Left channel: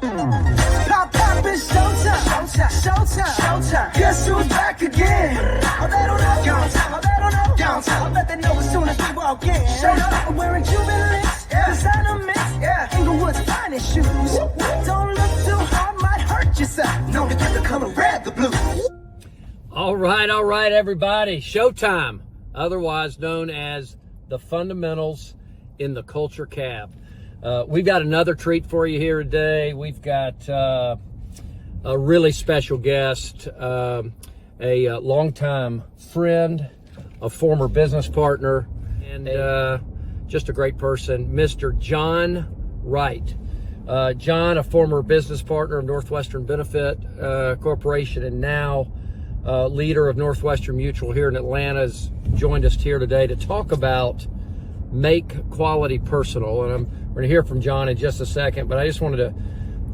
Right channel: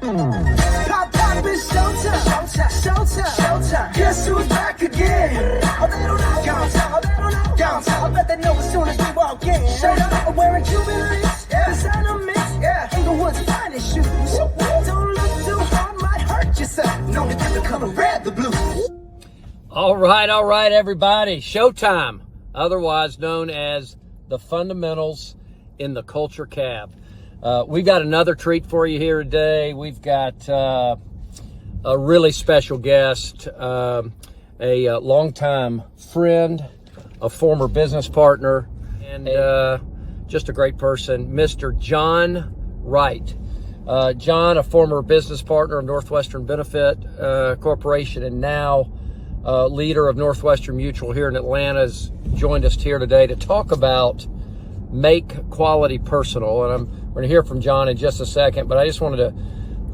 Pop, pop, it's showtime. Showtime. Showtime. Guess who's back again? Oh, they don't know. Downtown. Oh, they don't know. Downtown. I bet they know as soon as we walk in. Straight up. I'm wearing Cuban links. Yeah. Designer mix. Yeah. Inglewood's finest shoes. Don't look too hard, might hurt yourself. Know to get the color red, the blue. All right, everybody. Showtime, otherwise known as the fundamentals in the culture cab. We got another treat for you here today. We've got a really special guest, a longtime friend, a former business partner, and just a great person, Mr. John Wright. John, a former business partner of Northwestern Benefit Corporation, and now leader of Northwestern Mutual here in Atlanta, has joined us here today to talk about make quality personal. And I'm going to hear from John in just a second, but I just wanted to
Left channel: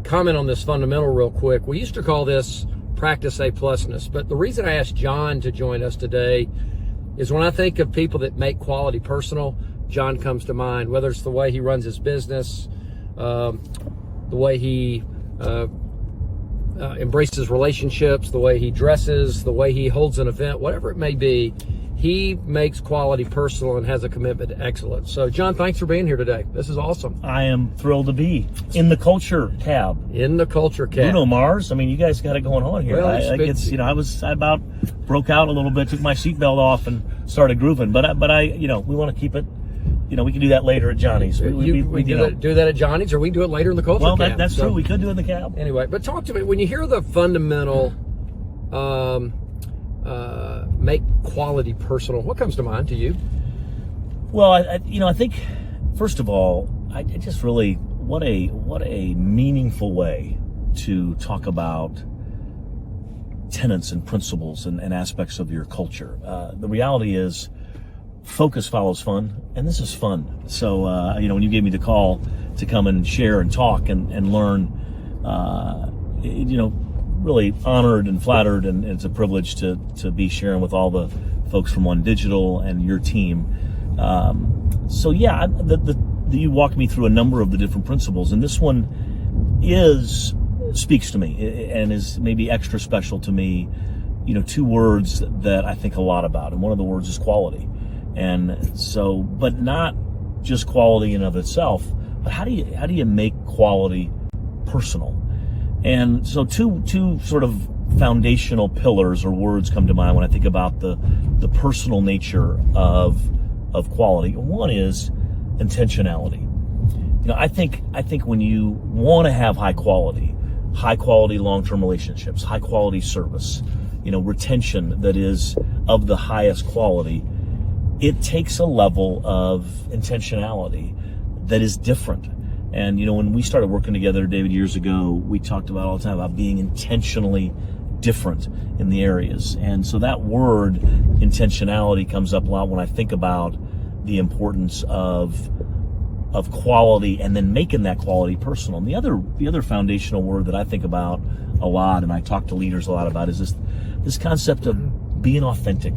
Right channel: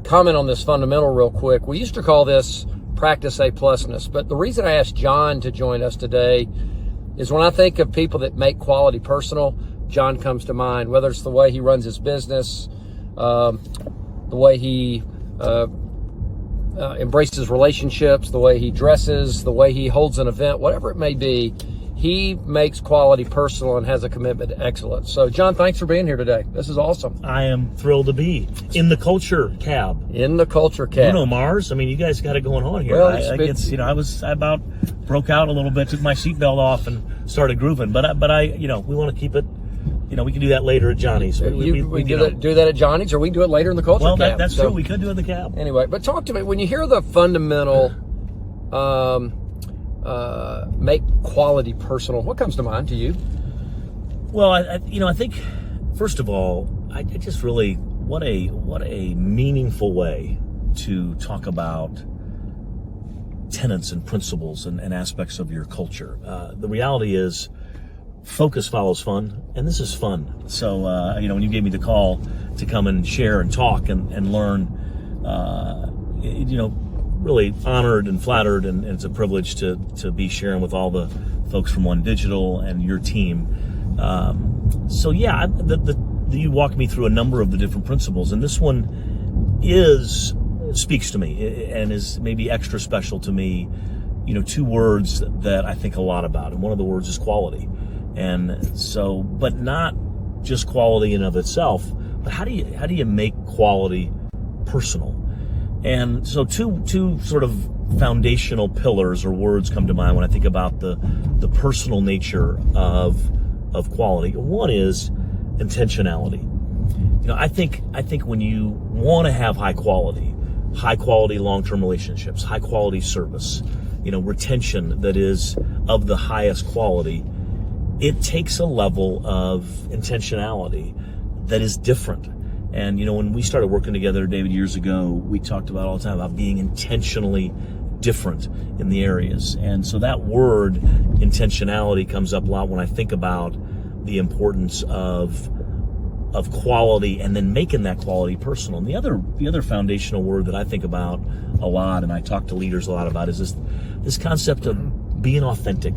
comment on this fundamental real quick. We used to call this practice A+ness, but the reason I asked John to join us today is when I think of people that make quality personal, John comes to mind, whether it's the way he runs his business, the way he embraces relationships, the way he dresses, the way he holds an event, whatever it may be. He makes quality personal and has a commitment to excellence. So, John, thanks for being here today. This is awesome. I am thrilled to be in the culture cab. In the culture cab. Bruno Mars. I mean, you guys got it going on here. Well, I about broke out a little bit, took my seatbelt off, and started grooving. But I, we want to keep it. We can do that later at Johnny's. We do that at Johnny's, or we do it later in the culture cab. Well, that's true. We could do it in the cab. Anyway, but talk to me. When you hear the fundamental make quality personal, what comes to mind to you? Well, I think, first of all, I just really, what a meaningful way to talk about tenets and principles and aspects of your culture. The reality is, focus follows fun, and this is fun. So, when you gave me the call to come and share and talk and learn, really honored and flattered, and it's a privilege to be sharing with all the folks from One Digital and your team. You walked me through a number of the different principles, and this one speaks to me and is maybe extra special to me. Two words that I think a lot about, and one of the words is quality. And so, but not just quality in of itself, but how do you make quality personal? And so two sort of foundational pillars or words come to mind when I think about the personal nature of quality. One is intentionality. I think when you want to have high quality long-term relationships, high quality service, retention that is of the highest quality, it takes a level of intentionality that is different. And, when we started working together, David, years ago, we talked about all the time about being intentionally different in the areas. And so that word intentionality comes up a lot when I think about the importance of quality and then making that quality personal. And the other foundational word that I think about a lot, and I talk to leaders a lot about, is this concept of being authentic,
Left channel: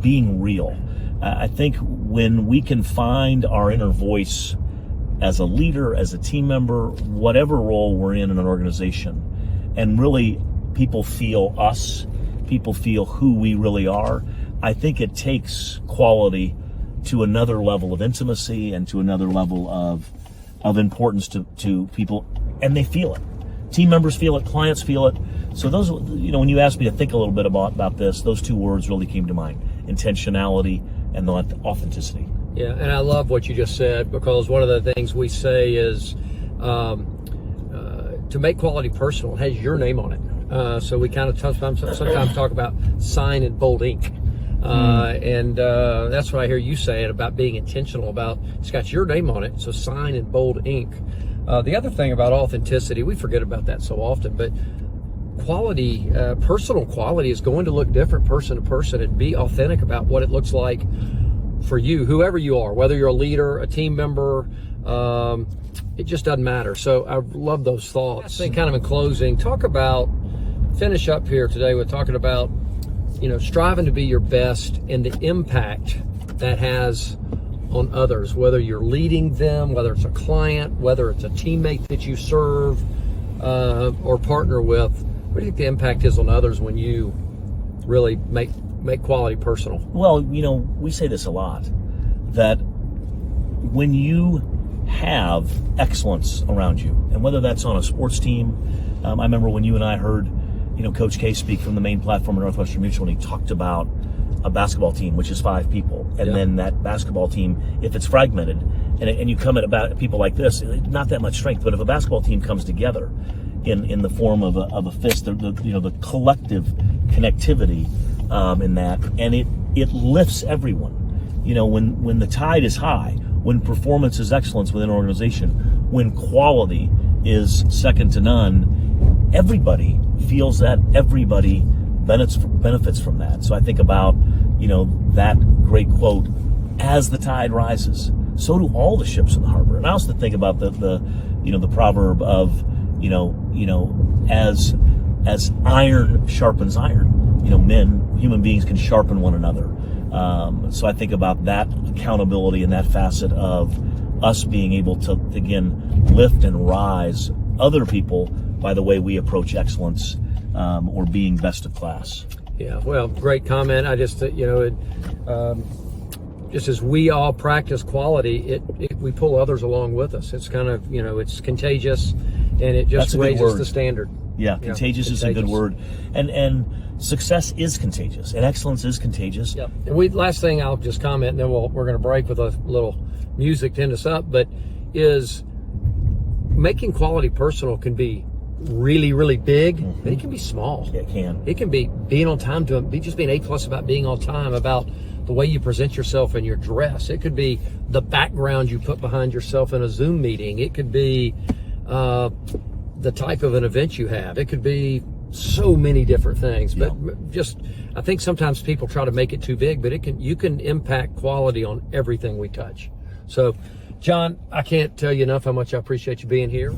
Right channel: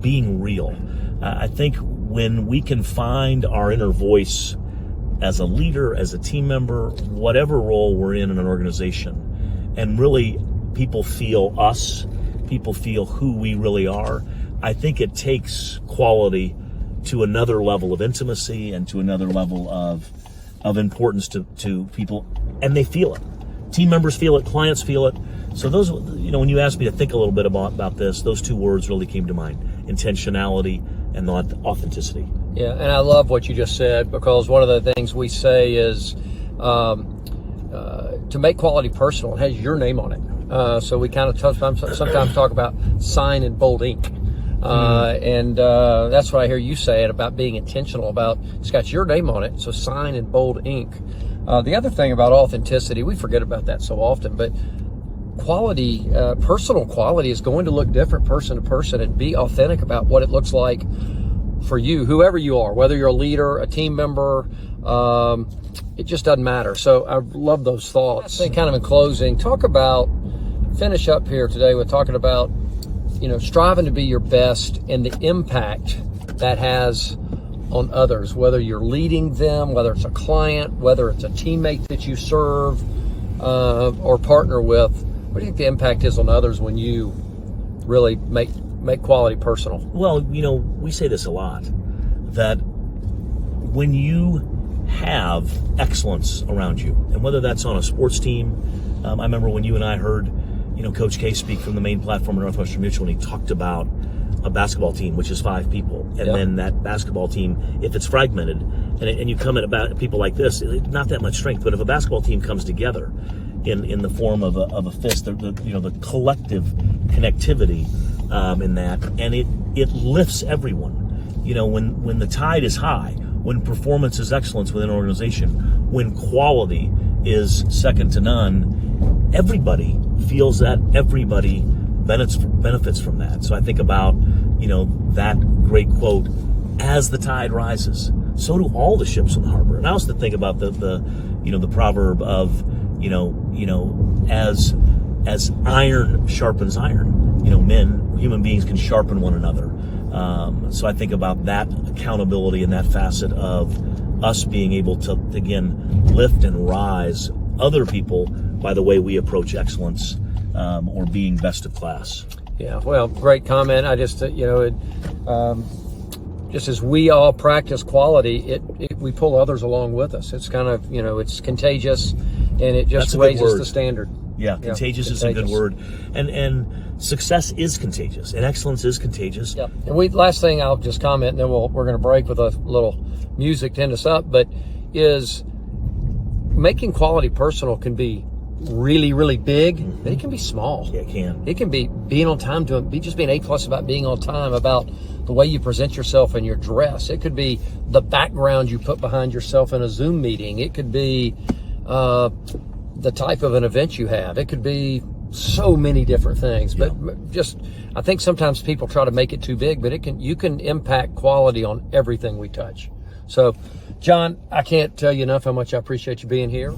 being real. I think when we can find our inner voice as a leader, as a team member, whatever role we're in an organization, and really people feel us, people feel who we really are, I think it takes quality to another level of intimacy and to another level of importance to people, and they feel it. Team members feel it, clients feel it. So those, when you asked me to think a little bit about this, those two words really came to mind: intentionality and authenticity. Yeah, and I love what you just said, because one of the things we say is to make quality personal, it has your name on it. So we kind of sometimes talk about sign in bold ink. And that's what I hear you say it about being intentional about. It's got your name on it, so sign in bold ink. The other thing about authenticity, we forget about that so often, but quality, personal quality is going to look different person to person, and be authentic about what it looks like for you, whoever you are, whether you're a leader, a team member, it just doesn't matter. So I love those thoughts. I think kind of in closing, finish up here today with talking about, striving to be your best and the impact that has on others, whether you're leading them, whether it's a client, whether it's a teammate that you serve, or partner with, what do you think the impact is on others when you really make quality personal? Well, we say this a lot, that when you have excellence around you, and whether that's on a sports team, I remember when you and I heard, Coach K speak from the main platform of Northwestern Mutual, and he talked about a basketball team, which is 5 people, and then that basketball team, if it's fragmented, and you come at about people like this, not that much strength, but if a basketball team comes together in the form of a fist, the collective connectivity in that, and it lifts everyone. When the tide is high, when performance is excellence within an organization, when quality is second to none, everybody feels that, everybody benefits from that. So I think about, that great quote, as the tide rises, so do all the ships in the harbor. And I also think about the proverb of, as iron sharpens iron, human beings can sharpen one another. So I think about that accountability and that facet of us being able to, again, lift and rise other people by the way we approach excellence, or being best of class. Yeah, well, great comment. I just, just as we all practice quality, we pull others along with us. It's kind of, it's contagious, and it just raises the standard. Yeah, contagious is a good word. And success is contagious, and excellence is contagious. Yep. And last thing I'll just comment, and then we're going to break with a little music to end us up, but is making quality personal can be really, really big, and it can be small. Yeah, it can. It can be being on time, just being A+ about being on time, about the way you present yourself in your dress. It could be the background you put behind yourself in a Zoom meeting. It could be the type of an event you have. It could be so many different things. But I think sometimes people try to make it too big, but you can impact quality on everything we touch. So, John, I can't tell you enough how much I appreciate you being here.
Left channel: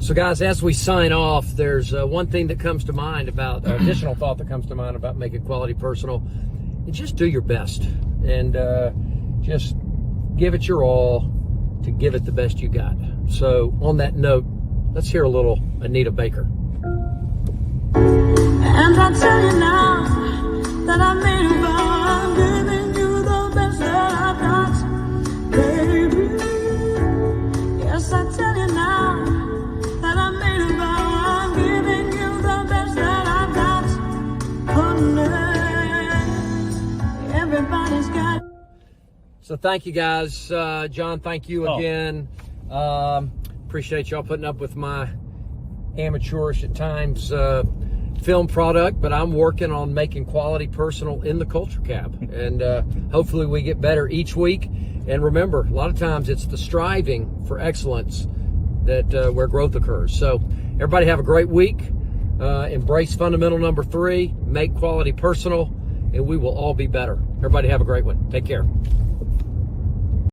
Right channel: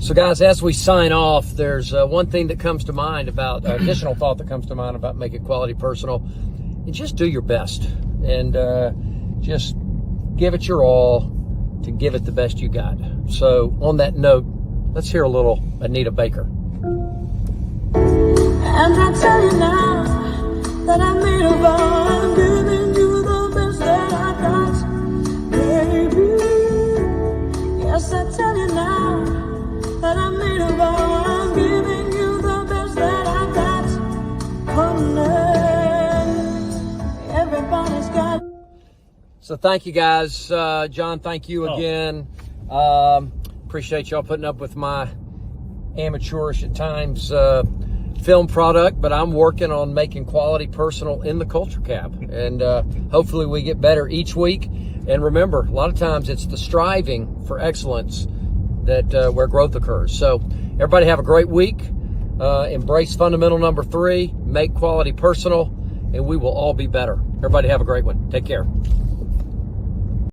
So, guys, as we sign off, there's one thing that comes to mind about, additional thought that comes to mind about making quality personal. And just do your best, and just give it your all to give it the best you got. So, on that note, let's hear a little Anita Baker. And I tell you now that I made a vow, I'm giving you the best that I got, baby. Yes, I tell you now that I made a vow, I'm giving you the best that I got, honey. Everybody's got. So thank you, guys. John, thank you again. Appreciate y'all putting up with my amateurish at times film product, but I'm working on making quality personal in the Culture Cab, and hopefully we get better each week. And remember, a lot of times it's the striving for excellence that where growth occurs. So everybody have a great week. Embrace fundamental number 3, make quality personal, and we will all be better. Everybody have a great one. Take care.